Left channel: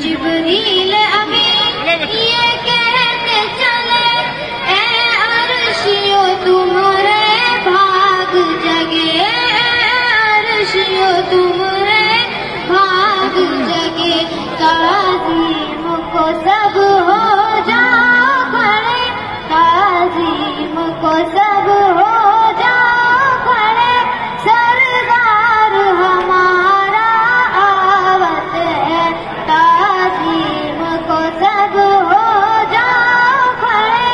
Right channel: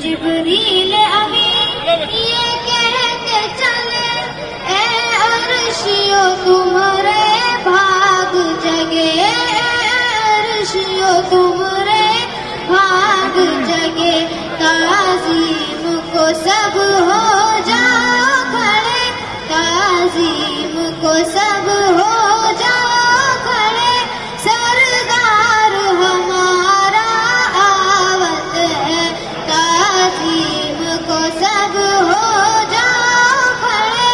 جبریل ابھی یہ کہتے چلے اے عرشیو تمہارے بھاگ جگے، عرشیو تمہارے بھاگ جگے، تعظیم کو سب ہو جاؤ کھڑے، تعظیم کو سب ہو جاؤ کھڑے، سردار ہمارا آوت ہے، تعظیم کو سب ہو جاؤ کھڑے،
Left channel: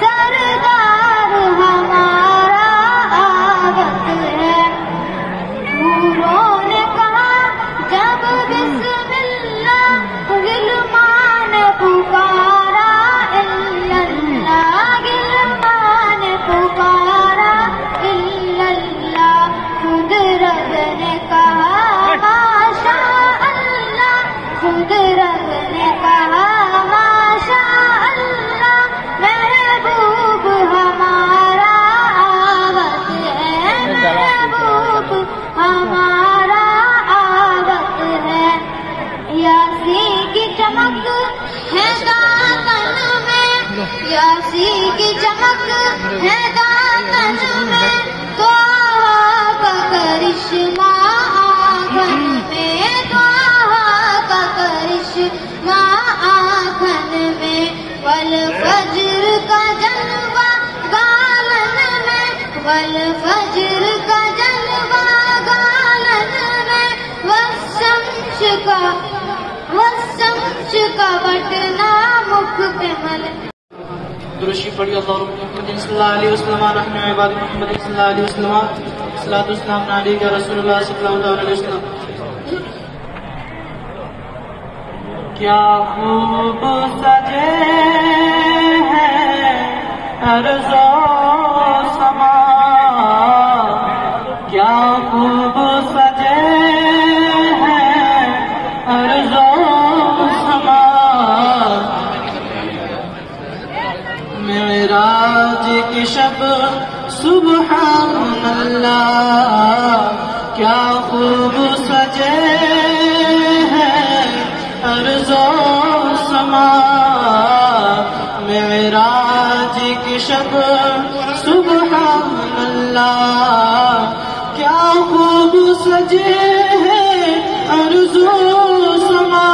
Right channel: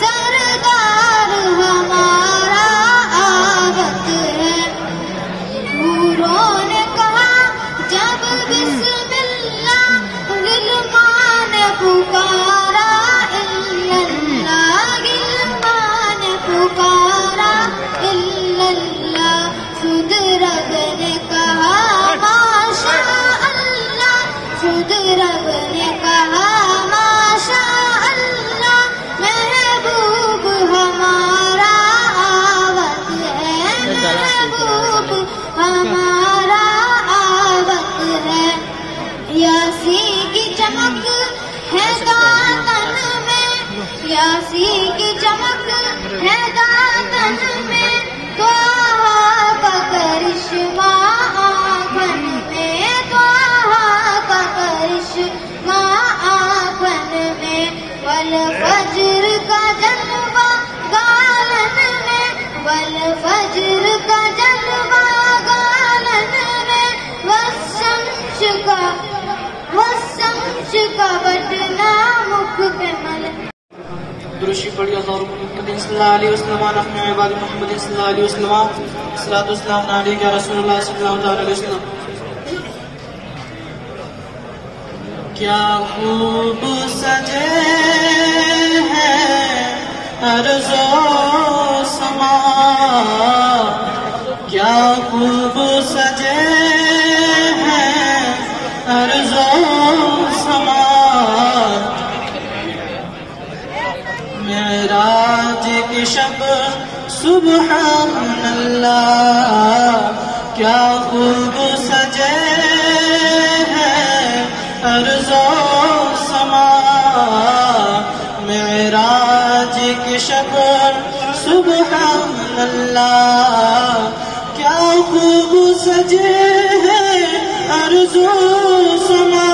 سردار ہمارا آوت ہے۔ حوروں نے کہا جب بسم اللہ، غلمان پکارا الا اللہ، غلمان پکارا الا اللہ، خود رب نے کہا ماشاء اللہ، خود رب نے کہا ماشاء اللہ، محبوب ہمارا آوت ہے، محبوب ہمارا آوت ہے۔ یاسین کی چمک ہے دامن میں، یاسین کی چمک ہے دامن میں، طٰہٰ کا کرشمہ آنگن میں، طٰہٰ کا کرشمہ آنگن میں، والفجر کا جلوہ گالن میں، والفجر کا جلوہ گالن میں، والشمس کا بٹنا مکھ پہ مل۔ درشی پڑھی اللہ محمد صلی اللہ علیہ وسلم، نحن عباد محمد صلی اللہ علیہ وسلم، صلاۃ والسلام علیک یا رسول اللہ صلی اللہ علیہ وسلم۔ کیا خوب سجے ہیں ارض و سما، کیا خوب سجے ہیں ارض و سما، معراج کی شب سبحان اللہ، کیا خوب سجے ہیں ارض و سما، معراج کی شب سبحان اللہ، کیا خوب سجے ہیں ارض و سما،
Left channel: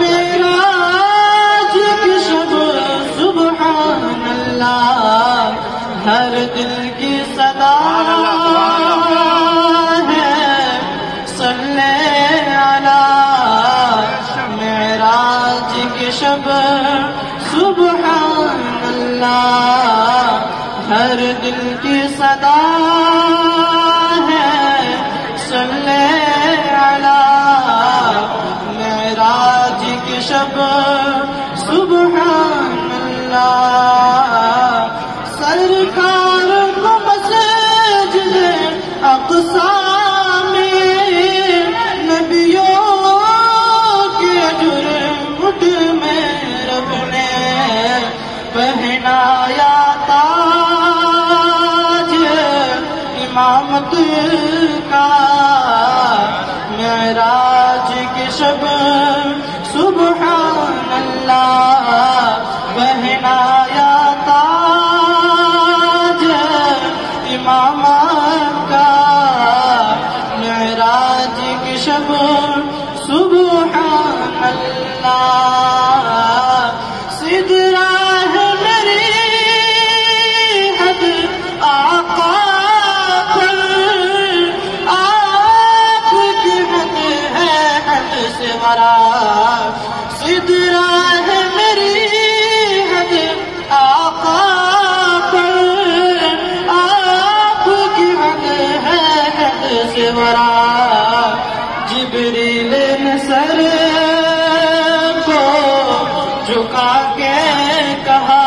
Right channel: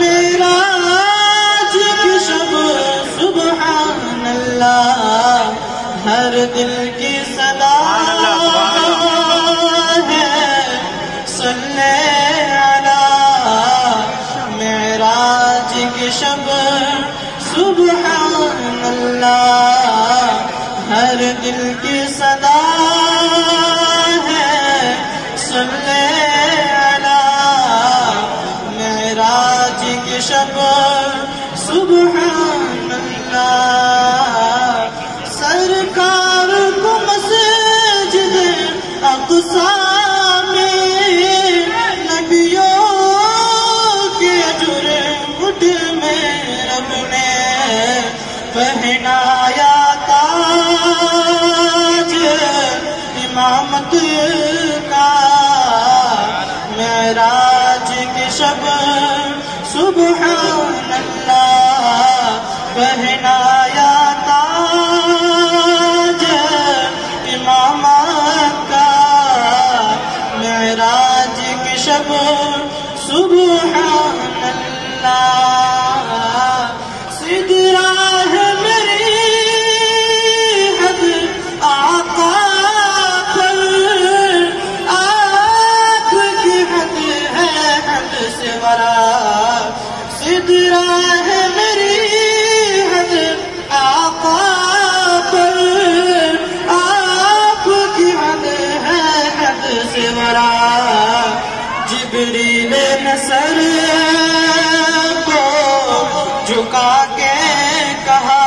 معراج کی شب سبحان اللہ، ہر دل کی صدا ہے صلی علی، معراج کی شب سبحان اللہ، ہر دل کی صدا ہے صلی علی، معراج کی شب سبحان اللہ، سرکار کو مسجد اقصی میں نبیوں کے جرمٹ میں رب نے پہنایا تاج امامت کا، معراج کی شب سبحان اللہ، پہنایا تاج امامت کا، معراج سدرا ہے میری حد آقا پر، آپ کی حد ہے حد سے ورا، جبریل نے سر کو جھکا کے کہا،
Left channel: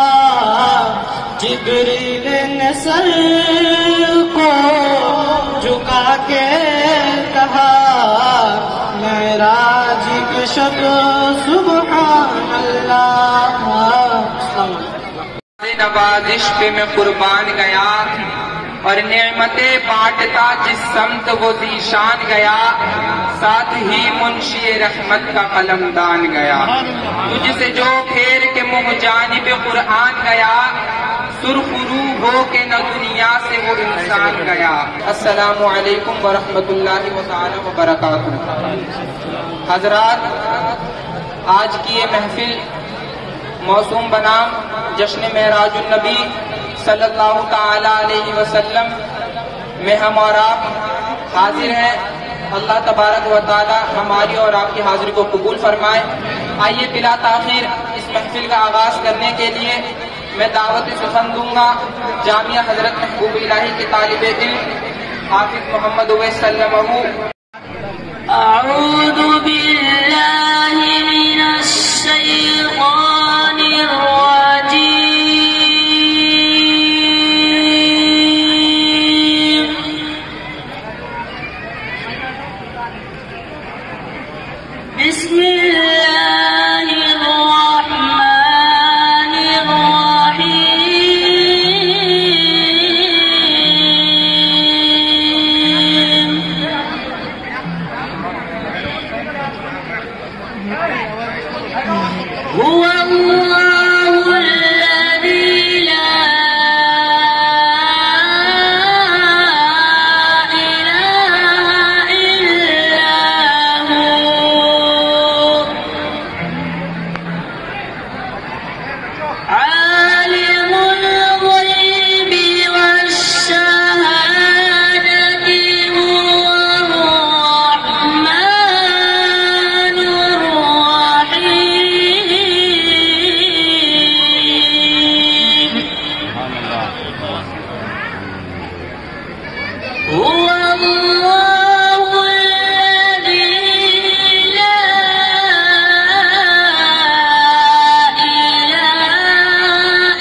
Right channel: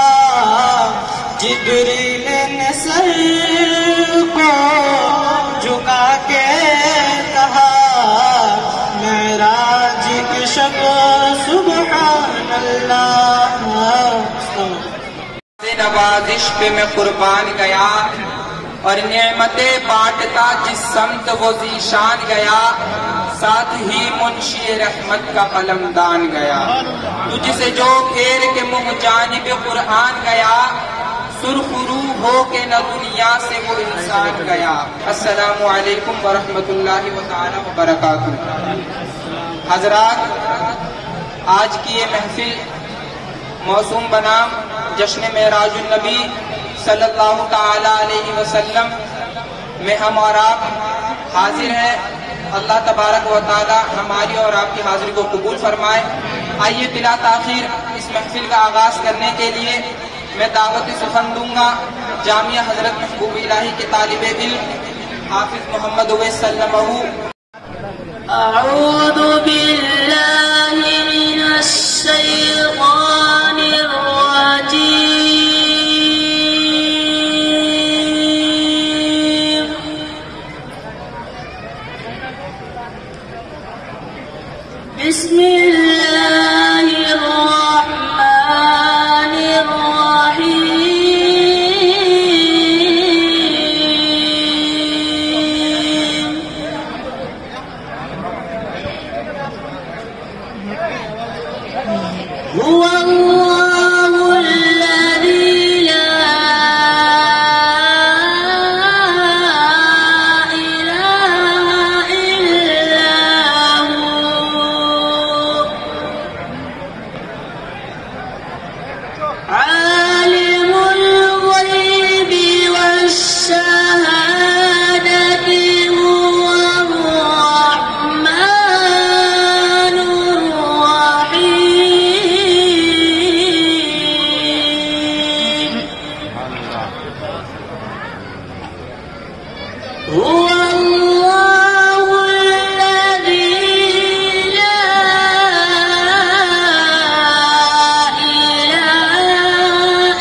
جبریل نے سر کو جھکا کے کہا، معراج کی شب سبحان اللہ۔ نوازش پہ میں قربان گیا، اور نعمتیں بانٹتا جس سمت وہ ذیشان گیا، ساتھ ہی منشی رحمت کا علمدان گیا، تجھ سے جو پھیر کے منہ جانب قرآن گیا، سرخ روح ہو کے نہ دنیا سے وہ انسان گیا۔ السلام علیکم ورحمۃ اللہ تعالی وبرکاتہ۔ حضرات، آج کی یہ محفل موسوم بنام جشن معراج النبی صلی اللہ تعالی علیہ وسلم میں ہم اور آپ حاضر ہیں۔ اللہ تبارک و تعالی ہماری اور آپ کی حاضری کو قبول فرمائے۔ آئیے بلا تاخیر اس محفل کا آغاز کرنے کے لیے میں دعوت سخن دوں گا جامعہ حضرت محبوب الہی کے طالب علم حافظ محمد اویس سلمہ۔ اعوذ باللہ من الشیطان الرجیم، بسم اللہ الرحمن الرحیم، هو اللہ الذی لا الہ الا هو، عالم الغیب والشہادة، هو الرحمن الرحیم، هو اللہ الذی لا الہ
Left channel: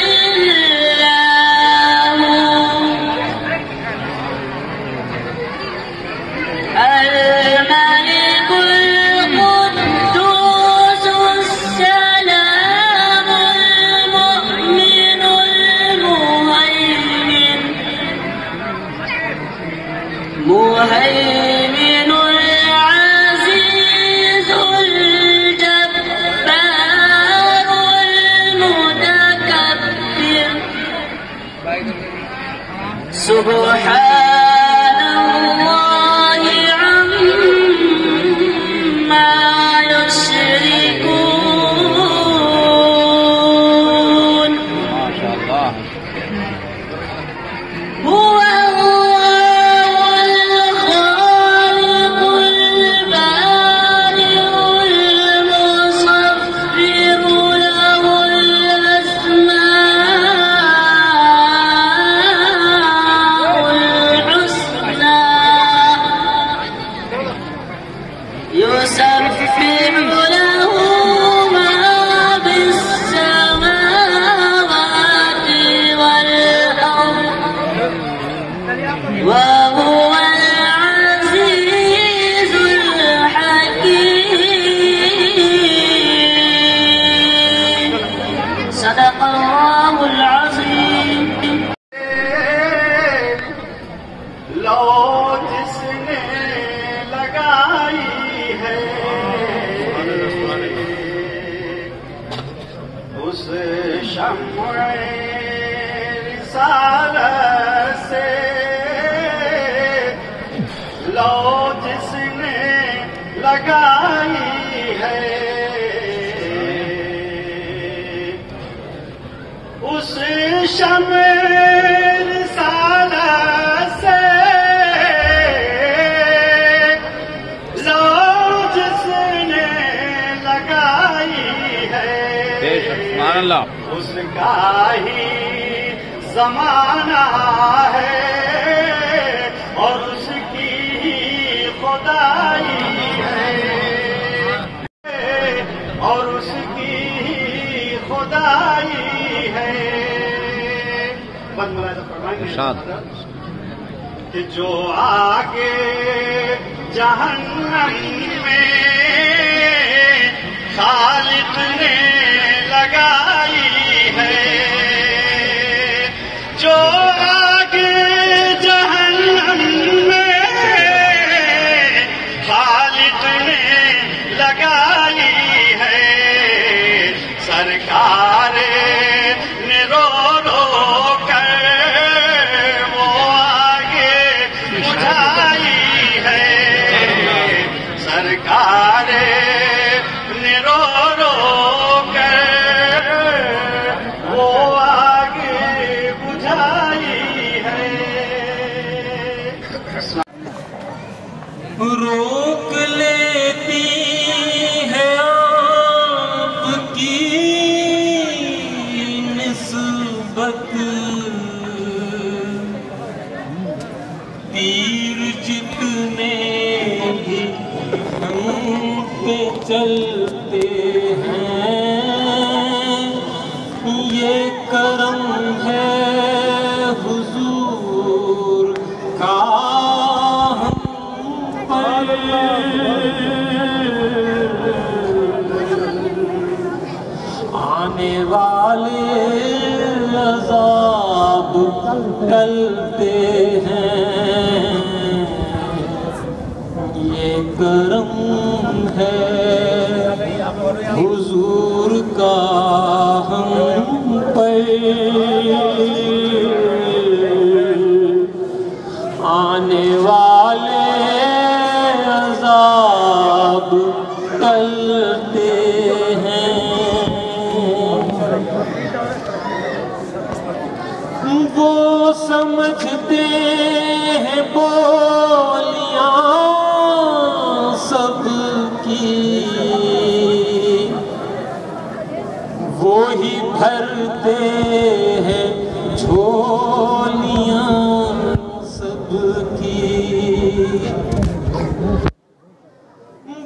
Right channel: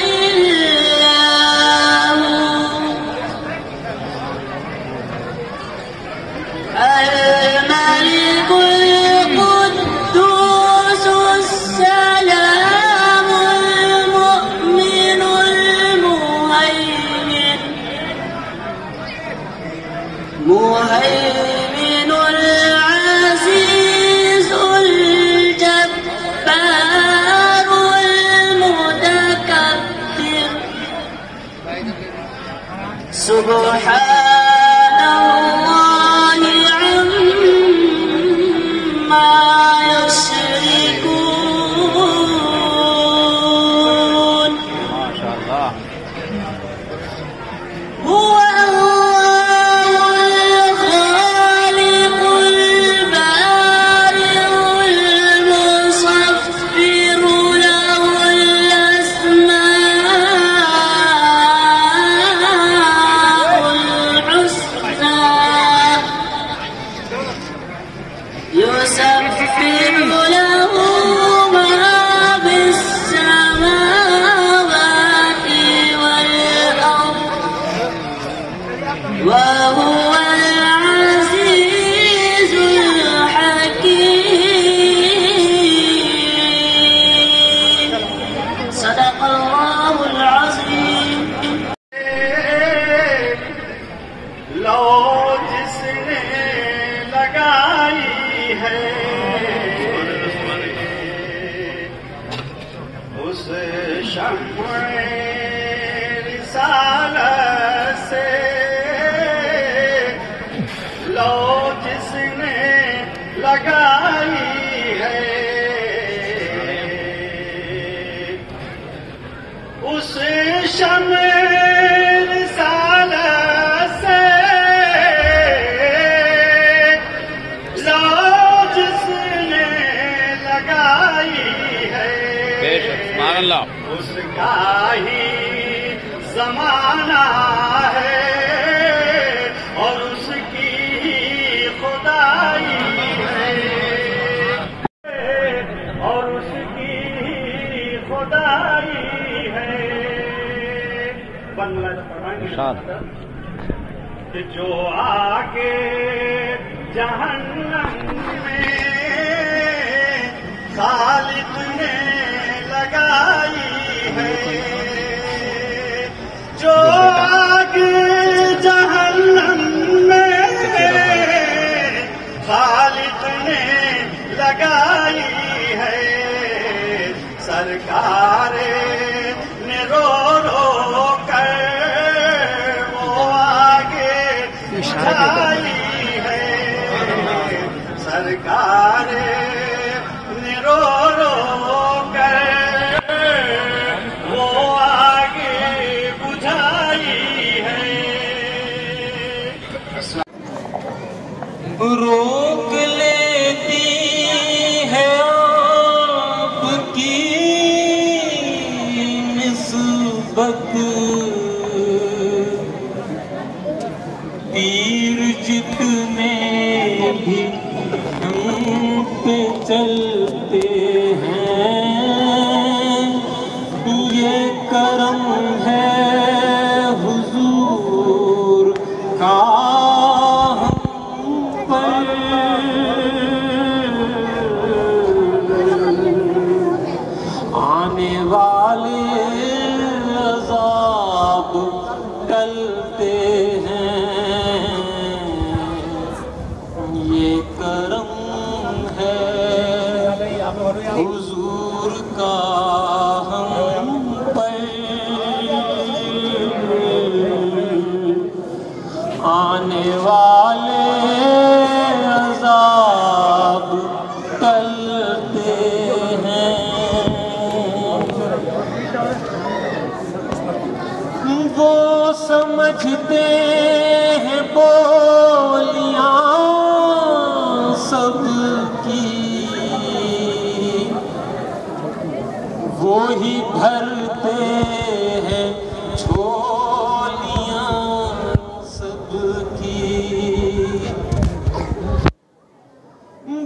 الا هو، الملك القدوس السلام المؤمن المهيمن العزيز الجبار المتكبر، سبحان الله عما يشركون، هو الخالق البارئ المصور، له الأسماء الحسنى، يسبح له ما في السماوات والأرض، وهو العزيز الحكيم، صدق الله العظيم۔ لو جس نے لگائی ہے اس شمع رسالت سے، لو جس نے لگائی ہے اس شمع رسالت سے، لو جس نے ماشاءاللہ. اس کا ہی زمانہ ہے اور اس کی خدائی ہے اور اس کی خدائی ہے. کہ جو آگے جہنم میں خالق نے لگائی ہے جو آگے جہنم میں خالق نے لگائی ہے سرکار نے رو رو کر وہ آگے بجھائی ہے سرکار نے رو رو کر وہ آگے بجھائی ہے. روک لیتی ہے آپ کی نسبت تیر جتنے بھی ہم پہ چلتے ہیں یہ کرم ہے حضور کا آنے والے عذاب ٹلتے ہیں یہ کرم ہے حضور کا ہم پر آنے والے عذاب ٹلتے ہیں وہ سمجھتے ہیں بولیاں سب کی وہی بھرتے ہیں جھولیاں سب کی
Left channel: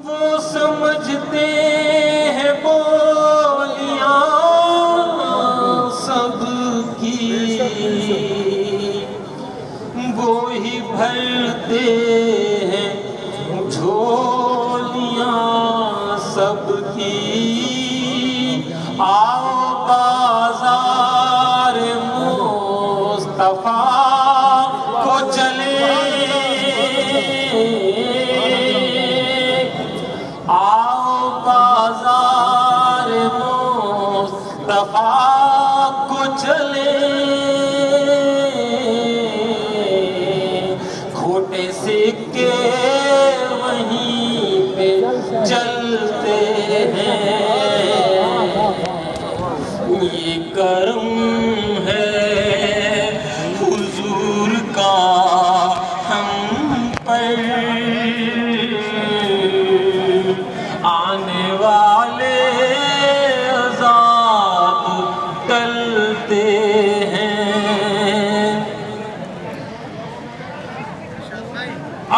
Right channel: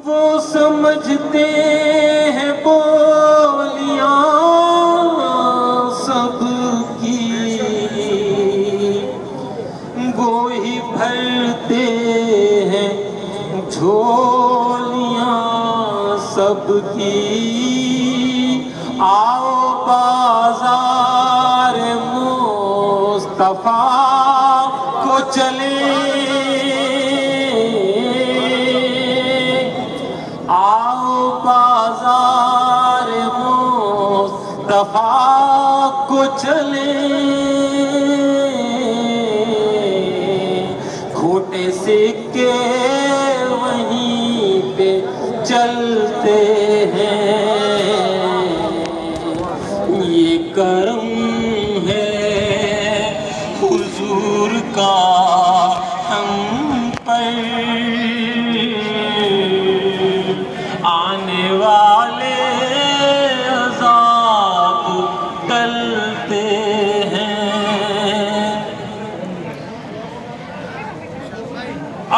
وہ سمجھتے ہیں بولیاں سب کی وہی بھرتے ہیں جھولیاں سب کی آؤ بازار مصطفیٰ کو چلیں آؤ بازار مصطفیٰ کو چلیں کھوٹے سکے وہیں پہ چلتے ہیں یہ کرم ہے حضور کا ہم پر آنے والے عذاب ٹلتے ہیں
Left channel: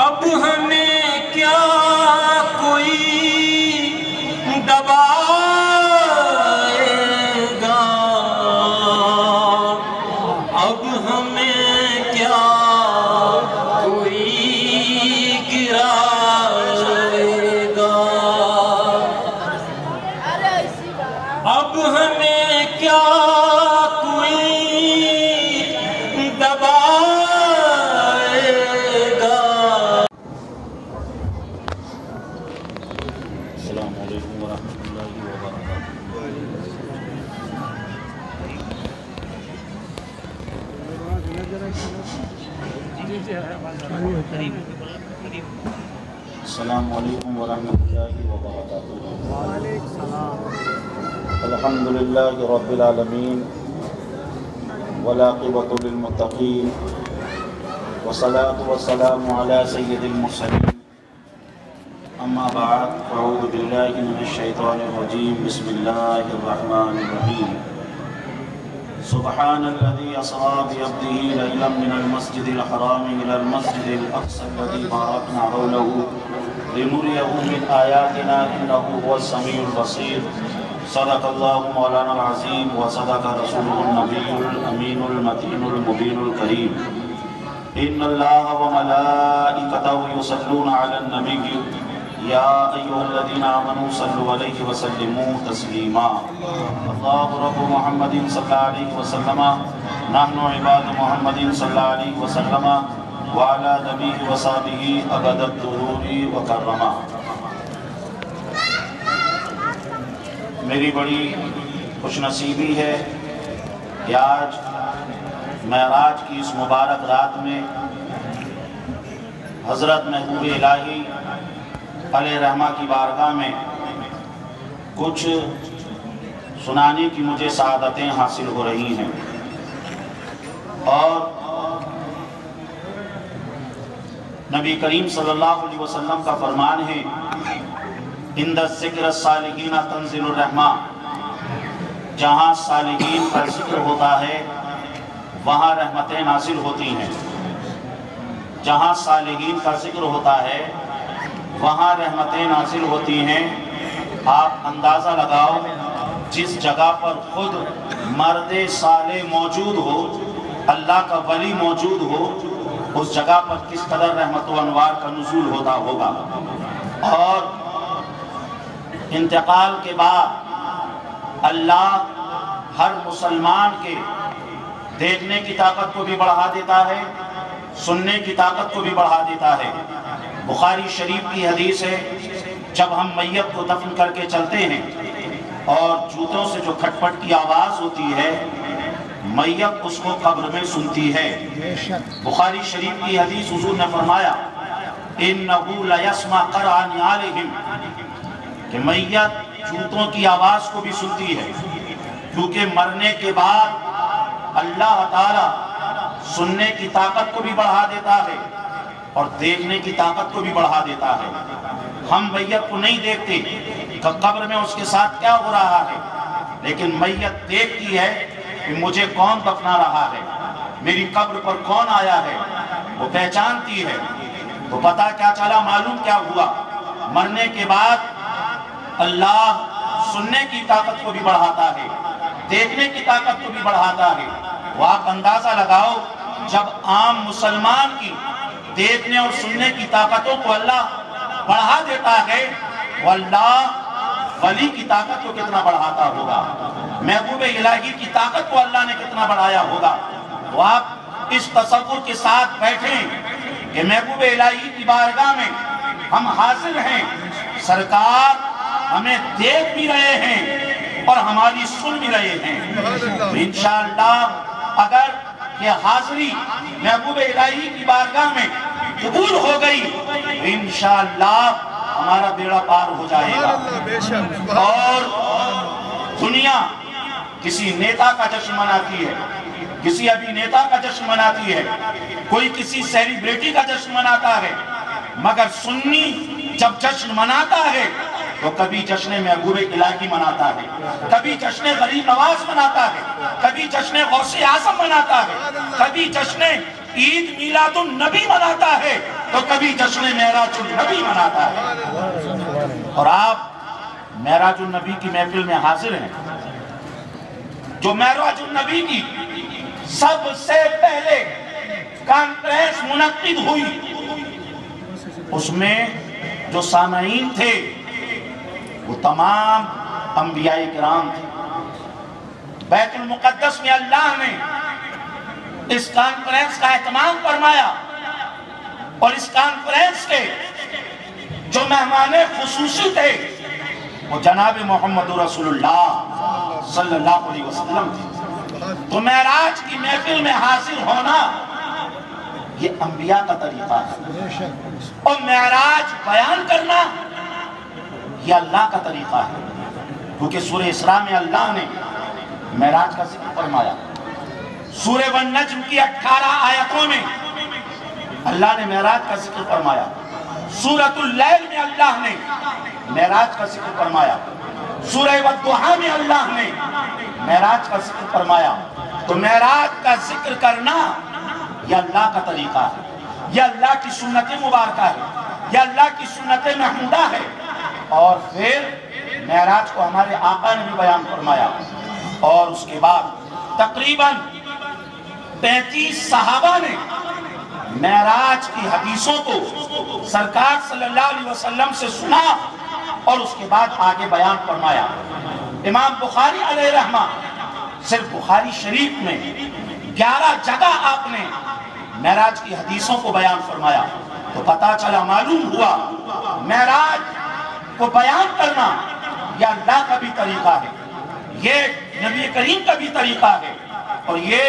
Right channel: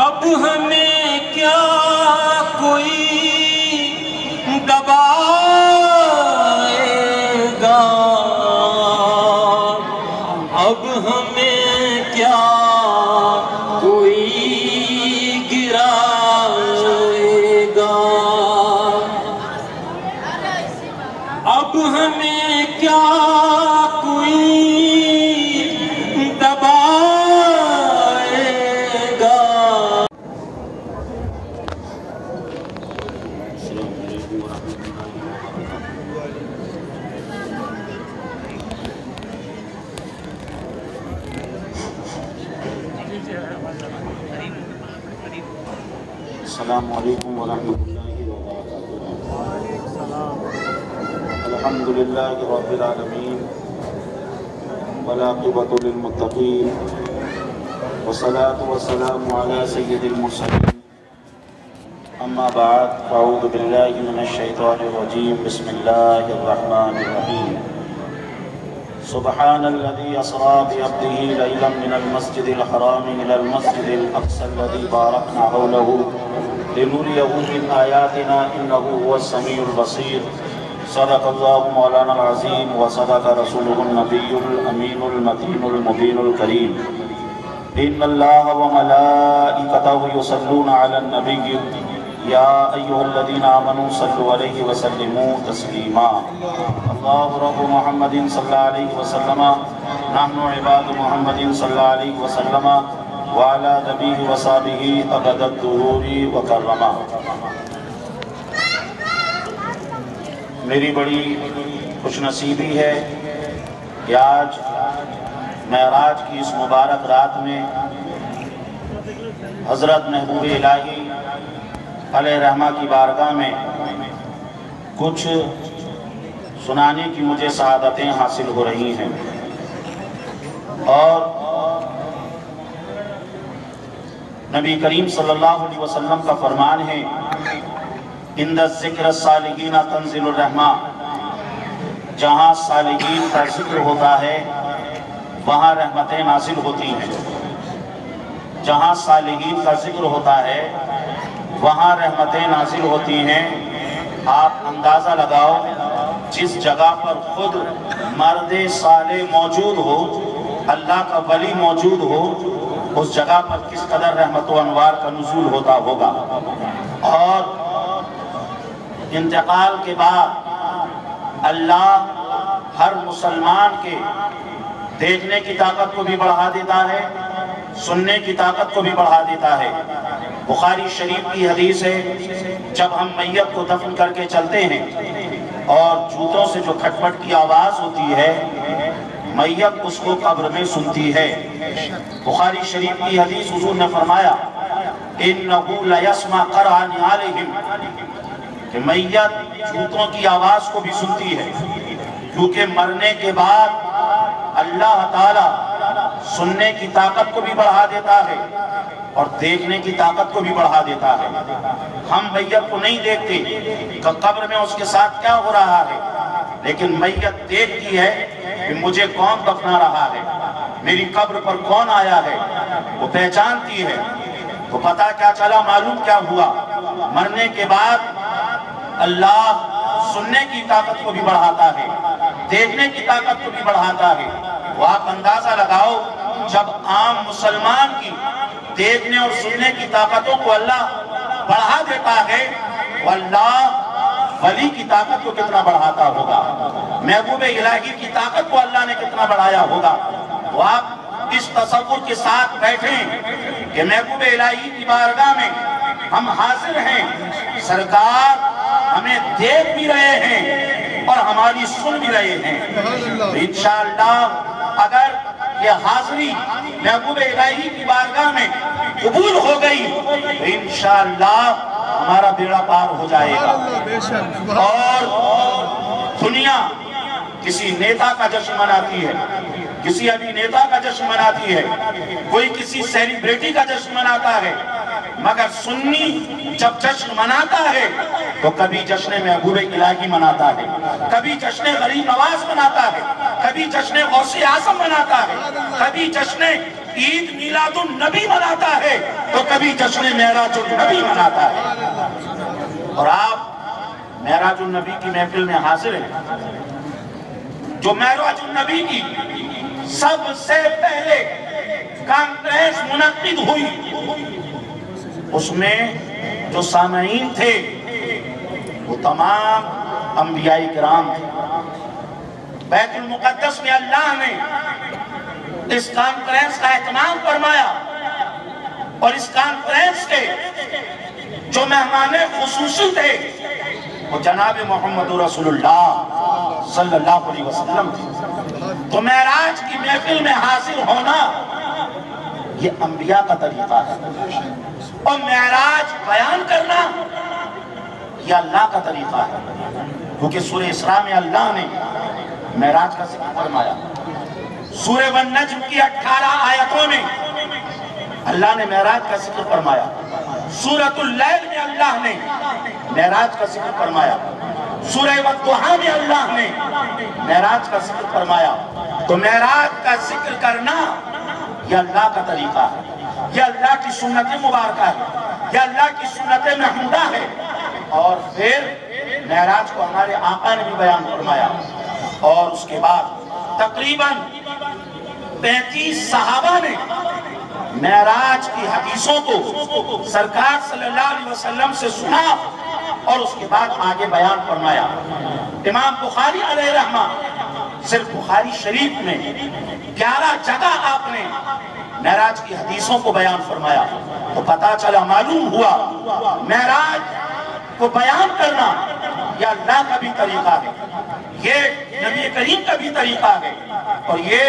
اب ہمیں کیا کوئی دبائے گا اب ہمیں کیا کوئی گرائے گا اب ہمیں کیا کوئی دبائے گا. السلام علیکم ورحمۃ اللہ وبرکاتہ. السلام علیکم ورحمۃ اللہ وبرکاتہ. الحمد للہ رب العالمین والعاقبۃ للمتقین والصلاة والسلام علی سید المرسلین. اما أما بعد فأعوذ بالله من الشيطان الرجيم بسم الله الرحمن الرحيم سبحان الذي أسرى بعبده ليلا من المسجد الحرام إلى المسجد الأقصى الذي باركنا حوله لنريه من آياتنا إنه هو السميع البصير صدق الله مولانا العظيم وصدق رسوله النبي الأمين المتين المبين الكريم إن الله وملائكته يصلون على النبي يا أيها الذين آمنوا صلوا عليه وسلموا تسليما الله رب محمد صلى الله عليه وسلم نحن عباد محمد صلى الله عليه وسلم وعلى نبيه وصحبه أبد الدهور وكرما. میری بڑی خوش نصیبی ہے کہ آج معراج کی اس مبارک رات میں حضرت محبوب الہی علیہ رحمہ کی بارگاہ میں کچھ سنانے کی مجھے سعادتیں حاصل ہو رہی ہیں. اور نبی کریم صلی اللہ علیہ وسلم کا فرمان ہے عند ذکر الصالحین تنزل الرحمہ، جہاں صالحین کا ذکر ہوتا ہے وہاں رحمتیں نازل ہوتی ہیں. جہاں صالحین کا ذکر ہوتا ہے وہاں رحمتیں نازل ہوتی ہیں. آپ اندازہ لگاؤ جس جگہ پر خود مرد صالح موجود ہو، اللہ کا ولی موجود ہو، اس جگہ پر کس قدر رحمت و انوار کا نزول ہوتا ہوگا. اور انتقال کے بعد اللہ ہر مسلمان کے دیکھنے کی طاقت کو بھی بڑھا دیتا ہے، سننے کی طاقت کو بھی بڑھا دیتا ہے. بخاری شریف کی حدیث ہے جب ہم میت کو دفن کر کے چلتے ہیں اور جوتوں سے جو کھٹ پٹ کی آواز ہوتی ہے میت اس کو قبر میں سنتی ہے. بخاری شریف کی حدیث حضور نے فرمایا إِنَّهُ لَيَسْمَعْ قَرْعَ نِعَالِهِمْ کہ میت جوتوں کی آواز کو بھی سنتی ہے، کیونکہ مرنے کے بعد اللہ تعالی سننے کی طاقت کو بھی بڑھا دیتا ہے اور دیکھنے کی طاقت کو بھی بڑھا دیتا ہے. ہم میت کو نہیں دیکھتے کہ قبر میں اس کے ساتھ کیا ہو رہا ہے، لیکن میت دیکھتی ہے کہ مجھے کون دفنا رہا ہے، میری قبر پر کون آیا ہے. وہ پہچانتی ہے، وہ پتہ کیا چلا، معلوم کیا ہوا. مرنے کے بعد اللہ سننے کی طاقت کو بھی بڑھاتا ہے، دیکھنے کی طاقت کو بھی بڑھاتا ہے. وہ آپ اندازہ لگاؤ جب عام مسلمان کی دیکھنے اور سننے کی طاقتوں کو اللہ بڑھا دیتا ہے، وہ اللہ ولی کی طاقت کو کتنا بڑھاتا ہوگا، محبوب الہی کی طاقت کو اللہ نے کتنا بڑھایا ہوگا. وہ آپ اس تصور کے ساتھ بیٹھیں کہ محبوب الہی کی بارگاہ میں ہم حاضر ہیں، سرکار ہمیں دیکھ بھی رہے ہیں اور ہماری سن بھی رہے ہیں. انشاءاللہ اگر یہ حاضری محبوب الہی کی بارگاہ میں قبول ہو گئی تو انشاءاللہ ہمارا بیڑا پار ہو جائے گا. اور دنیا کسی نیتا کا جشن مناتی ہے، کسی ابھی نیتا کا جشن مناتی ہے، کوئی کسی سیلیبریٹی کا جشن مناتا ہے، مگر سنی جب جشن مناتا ہے تو کبھی جشن محبوب الہی مناتا ہے، کبھی جشن غریب نواز مناتا ہے، کبھی جشن غوث اعظم مناتا ہے، کبھی جشن عید میلاد النبی مناتا ہے تو کبھی جشن معراج النبی مناتا ہے. اور آپ معراج النبی کی محفل میں حاضر ہیں. جو معراج النبی کی سب سے پہلے کانفرنس منعقد ہوئی اس میں جو سامعین تھے وہ تمام انبیاء کرام تھے. بیت المقدس میں اللہ نے اس کانفرنس کا اہتمام فرمایا اور اس کانفرنس کے جو مہمان خصوصی تھے وہ جناب محمد رسول اللہ صلی اللہ علیہ وسلم تھے. تو معراج کی محفل میں حاضر ہونا یہ انبیاء کا طریقہ ہے اور معراج بیان کرنا یہ اللہ کا طریقہ ہے. کیونکہ سورہ اسراء میں اللہ نے معراج کا ذکر فرمایا. سورہ والنجم کی 18 آیتوں میں اللہ نے معراج کا ذکر فرمایا. سورۃ اللیل میں اللہ نے معراج کا ذکر فرمایا، سورہ والضحیٰ میں اللہ نے معراج کا ذکر فرمایا۔ تو معراج کا ذکر کرنا یہ اللہ کا طریقہ ہے، یہ اللہ کی سنت مبارکہ ہے، یہ اللہ کی سنت محمودہ ہے۔ اور پھر معراج کو ہمارے آقا نے بھی بیان فرمایا، اور اس کے بعد تقریباً 35 صحابہ نے معراج کی حدیثوں کو سرکار صلی اللہ علیہ وسلم سے سنا اور اس کے بعد آگے بیان فرمایا۔ امام بخاری علیہ رحمہ صرف بخاری شریف میں 11 جگہ آپ نے معراج کی حدیثوں کو بیان فرمایا۔ تو پتہ چلا، معلوم ہوا معراج کو بیان کرنا یہ اللہ کا بھی طریقہ ہے، یہ نبی کریم کا بھی طریقہ ہے، اور یہ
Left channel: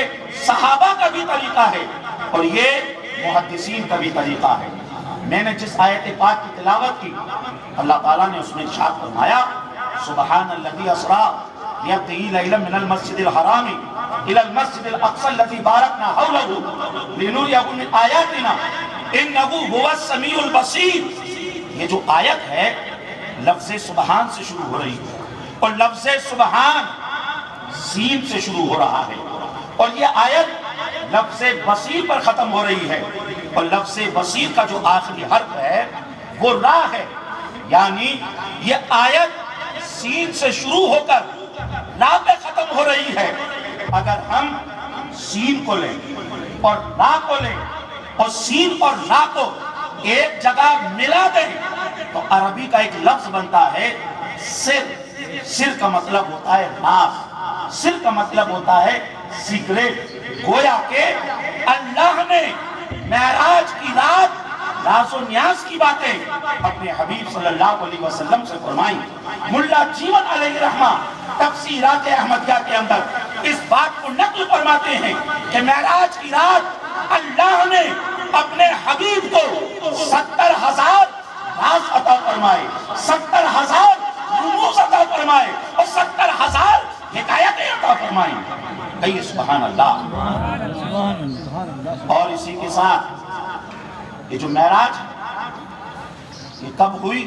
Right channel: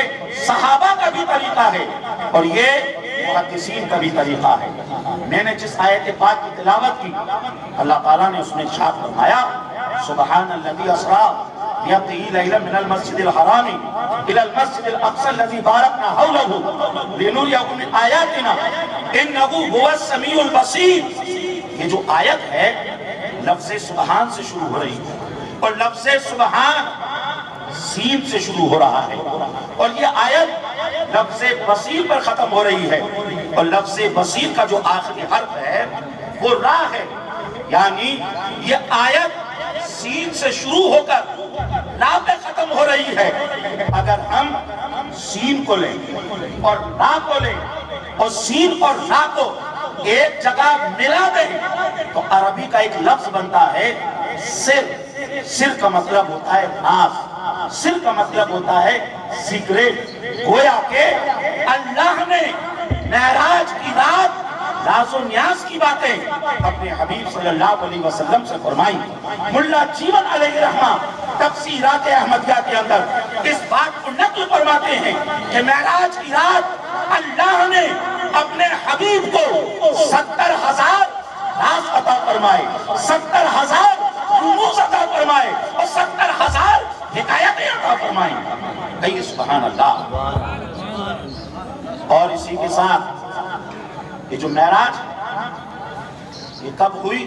صحابہ کا بھی طریقہ ہے، اور یہ محدثین کا بھی طریقہ ہے۔ میں نے جس آیت پاک کی تلاوت کی، اللہ تعالیٰ نے اس میں ارشاد فرمایا، سبحان الذی اسریٰ بعبدہ لیلا من المسجد الحرام الی المسجد الاقصی الذی بارکنا حولہ لنریہ من آیاتنا انہ ھو السمیع البصیر۔ یہ جو آیت ہے لفظ سبحان سے شروع ہو رہی ہے، اور لفظ سبحان سین سے شروع ہو رہا ہے، اور یہ آیت لفظ بصیر پر ختم ہو رہی ہے، اور لفظ بصیر کا جو آخری حرف ہے وہ را ہے، یعنی یہ آیت سین سے شروع ہو کر را پہ ختم ہو رہی ہے۔ اگر ہم سین کو لیں اور را کو لیں اور سین اور را کو ایک جگہ ملا دیں تو عربی کا ایک لفظ بنتا ہے سر۔ سر کا مطلب ہوتا ہے راز، سر کا مطلب ہوتا ہے سیکریٹ۔ گویا کہ اللہ نے معراج کی رات راز و نیاز کی باتیں اپنے حبیب صلی اللہ علیہ وسلم سے فرمائی۔ ملا جیون علیہ رحمہ تفسیرات احمدیہ کے اندر اس بات کو نقل فرماتے ہیں کہ معراج کی رات اللہ نے اپنے حبیب کو 70,000 راز عطا فرمائے، 70,000 رموز عطا فرمائے، اور 70,000 حکایتیں عطا فرمائیں۔ کہیے سبحان اللہ۔ اور اسی کے ساتھ یہ جو معراج یہ کب ہوئی؟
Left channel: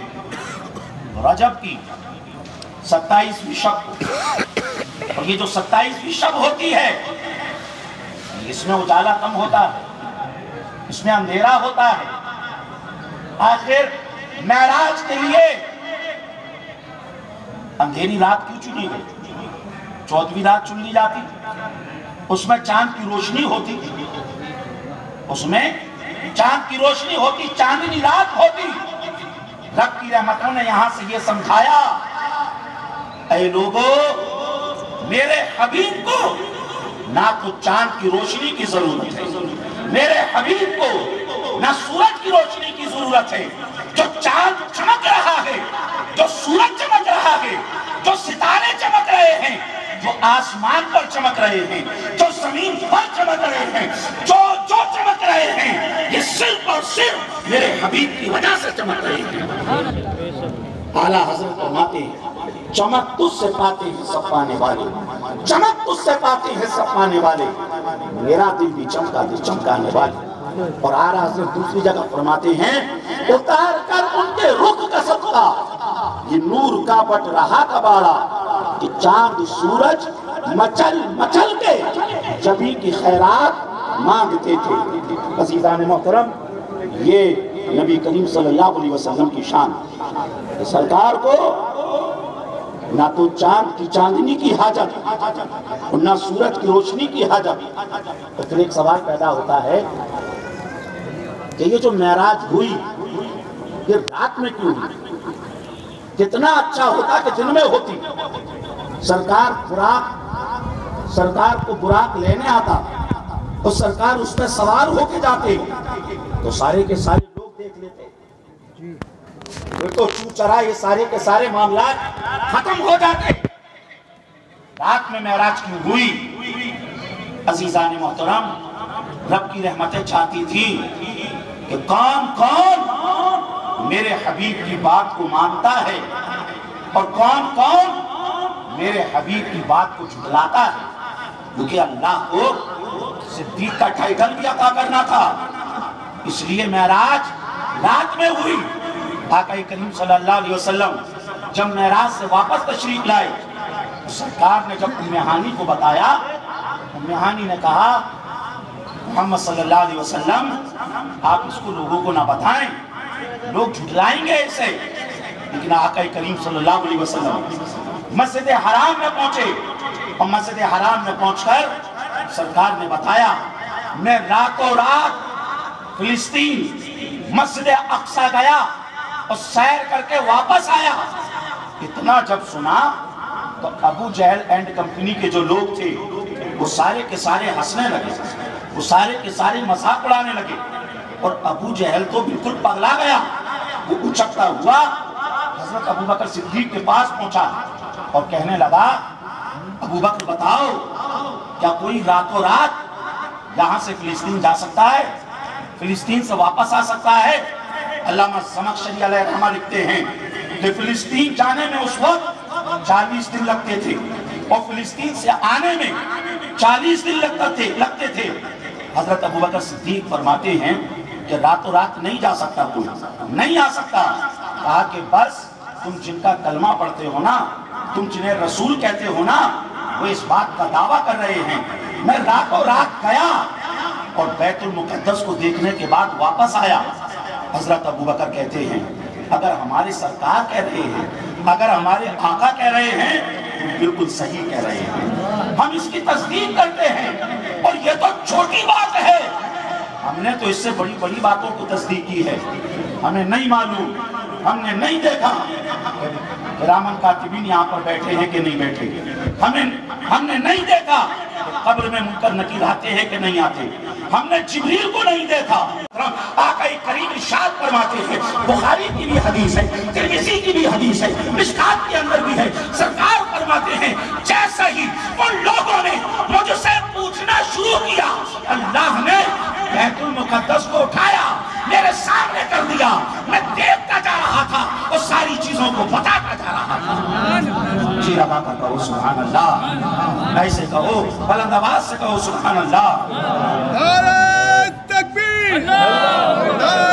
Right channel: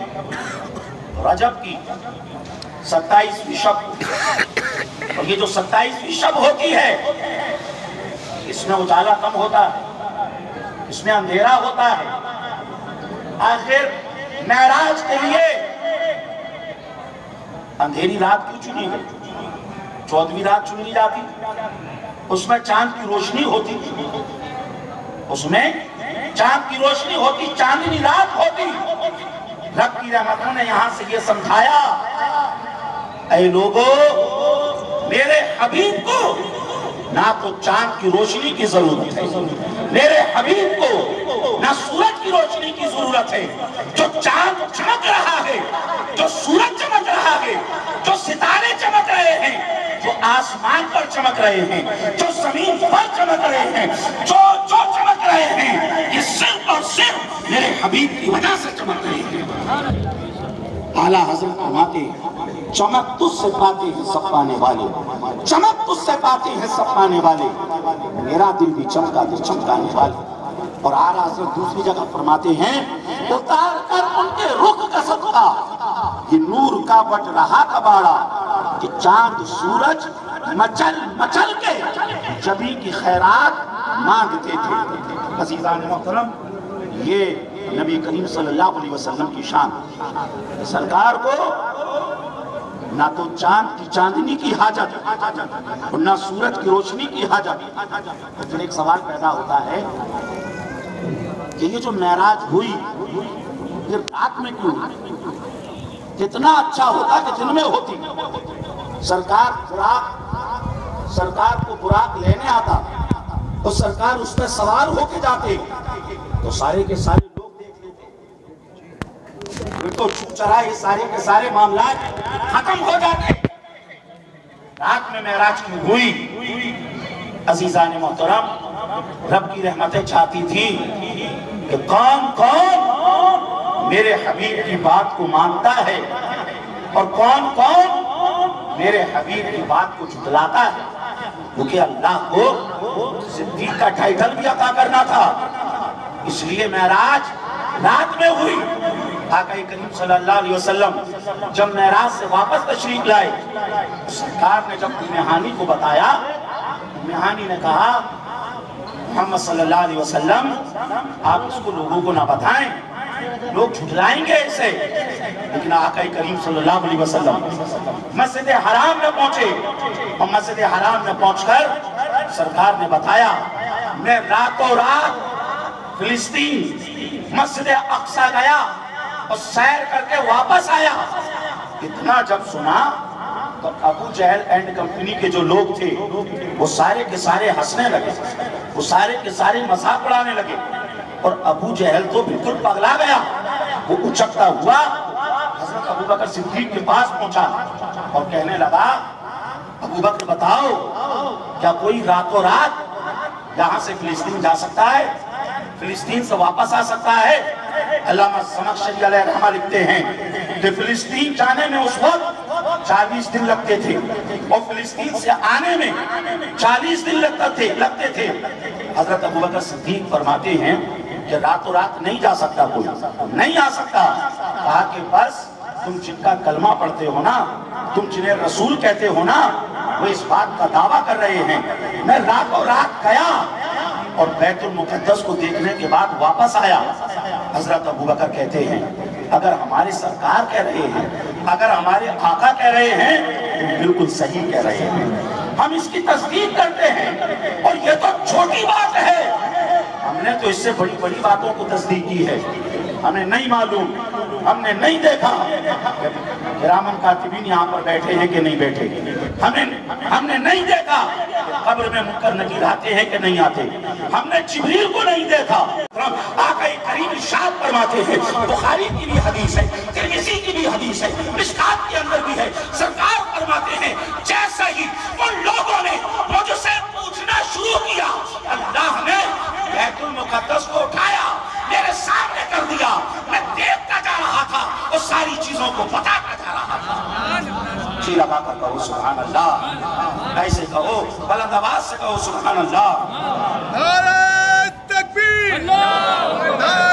رجب کی 27ویں شب، اور یہ جو 27ویں شب ہوتی ہے اس میں اجالا کم ہوتا ہے، اس میں اندھیرا ہوتا ہے۔ آخر معراج کے لیے اندھیری رات کیوں چنی گئی؟ 14ویں رات چن لی جاتی، اس میں چاند کی روشنی ہوتی، اس میں چاند کی روشنی ہوتی، چاندنی رات ہوتی۔ رب کی رحمتوں نے یہاں سے یہ سمجھایا، اے لوگو میرے حبیب کو نہ تو چاند کی روشنی کی ضرورت ہے، میرے حبیب کو نہ سورج کی روشنی کی ضرورت ہے۔ جو چاند چمک رہا ہے، جو سورج چمک رہا ہے، جو ستارے چمک رہے ہیں، جو آسمان پر چمک رہے ہیں، جو زمین پر چمک رہے ہیں، جو چمک رہے ہیں، یہ صرف اور صرف میرے حبیب کی وجہ سے چمک رہے ہیں۔ اعلیٰ حضرت فرماتے ہیں، چمک تجھ سے پاتے ہیں سب پانے والے، چمک تجھ سے پاتے ہیں سب پانے والے، میرا دل بھی چمکا دے چمکانے والے۔ اور اعلیٰ حضرت دوسری جگہ فرماتے ہیں، اتار کر ان کے رخ کا صدقہ یہ نور کا بٹ رہا کباڑا، کہ چاند سورج مچل مچل کے جبی کی خیرات مانگتے تھے۔ عزیزان محترم، یہ نبی کریم صلی اللہ علیہ وسلم کی شان، سرکار کو نہ تو چاند کی چاندنی کی حاجت اور نہ سورج کی روشنی کی حاجت۔ لیکن ایک سوال پیدا ہوتا ہے کہ یہ جو معراج ہوئی یہ رات میں کیوں ہوئی؟ کتنا اچھا ہوتا کہ دن میں ہوتی۔ سرکار کو براق لینے آتا تو سرکار اس پہ سوار ہو کے جاتے تو سارے کے سارے لوگ دیکھ لیتے، پھر تو چو چرا یہ سارے کے سارے معاملات ختم ہو جاتے۔ رات میں معراج کیوں ہوئی؟ عزیزان محترم، رب کی رحمتیں چاہتی تھی کہ کون میرے حبیب کی بات کو مانتا ہے اور کون میرے حبیب کی بات کو جھٹلاتا ہے، کیونکہ اللہ کو صدیق کا ٹائٹل بھی عطا کرنا تھا۔ اس لیے معراج رات میں ہوئی۔ آقا کریم صلی اللہ علیہ وسلم جب معراج سے واپس تشریف لائے، سرکار نے جب ام ہانی کو بتایا، ام ہانی نے کہا محمد صلی اللہ علیہ وسلم آپ اس کو لوگوں کو نہ بتائیں، لوگ جھٹلائیں گے اسے۔ لیکن آقا کریم صلی اللہ علیہ وسلم مسجد حرام میں پہنچے، اور مسجد حرام میں پہنچ کر سرکار نے بتایا میں راتوں رات فلسطین مسجد اقصی گیا اور سیر کر کے واپس آیا۔ اتنا جب سنا تو ابو جہل اینڈ کمپنی کے جو لوگ تھے وہ سارے کے سارے ہنسنے لگے، وہ سارے کے سارے مذاق اڑانے لگے، اور ابو جہل تو بالکل پگلا گیا۔ وہ اچھکتا ہوا حضرت ابو بکر صدیق کے پاس پہنچا اور کہنے لگا ابو بکر بتاؤ کیا کوئی راتوں رات یہاں سے فلسطین جا سکتا ہے، فلسطین سے واپس آ سکتا ہے؟ علامہ زمخشری علیہ رحمہ لکھتے ہیں کہ فلسطین جانے میں اس وقت 40 دن لگتے تھے، اور فلسطین سے آنے میں 40 دن لگتے تھے۔ حضرت ابو بکر صدیق فرماتے ہیں کہ راتوں رات نہیں جا سکتا، کوئی نہیں آ سکتا۔ کہا کہ بس تم جن کا کلمہ پڑھتے ہو نا، تم جنہیں رسول کہتے ہو نا، وہ اس بات کا دعویٰ کر رہے ہیں میں راتوں رات گیا اور بیت المقدس کو دیکھنے کے بعد واپس آیا۔ حضرت ابو بکر کہتے ہیں اگر ہمارے سرکار کہہ رہے ہیں، اگر ہمارے آقا کہہ رہے ہیں تو بالکل صحیح کہہ رہے ہیں، ہم اس کی تصدیق کرتے ہیں، اور یہ تو چھوٹی بات ہے، ہم نے تو اس سے بڑی بڑی باتوں کو تصدیق کی ہے۔ ہمیں نہیں معلوم، ہم نے نہیں دیکھا کرامن کاتبین یہاں پر بیٹھے ہیں کہ نہیں بیٹھے، ہم نے نہیں دیکھا قبر میں منکر نکیر آتے ہیں کہ نہیں آتے، ہم نے جبریل کو نہیں دیکھا۔ آقا کریم ارشاد فرماتے ہیں، بخاری کی بھی حدیث ہے، ترمذی کی بھی حدیث ہے، مشکات کے اندر بھی ہے، سرکار فرماتے ہیں جیسا ہی ان لوگوں نے مجھ سے پوچھنا شروع کیا، اللہ نے بیت المقدس کو اٹھایا، میرے سامنے کر دیا، میں دیکھتا جا رہا تھا اور ساری چیزوں کو بتاتا جا رہا تھا۔ جی لگا کر کہو سبحان اللہ، ایسے کہو، بلند آواز سے کہو سبحان اللہ۔ نعرہ تکبیر، نعرہ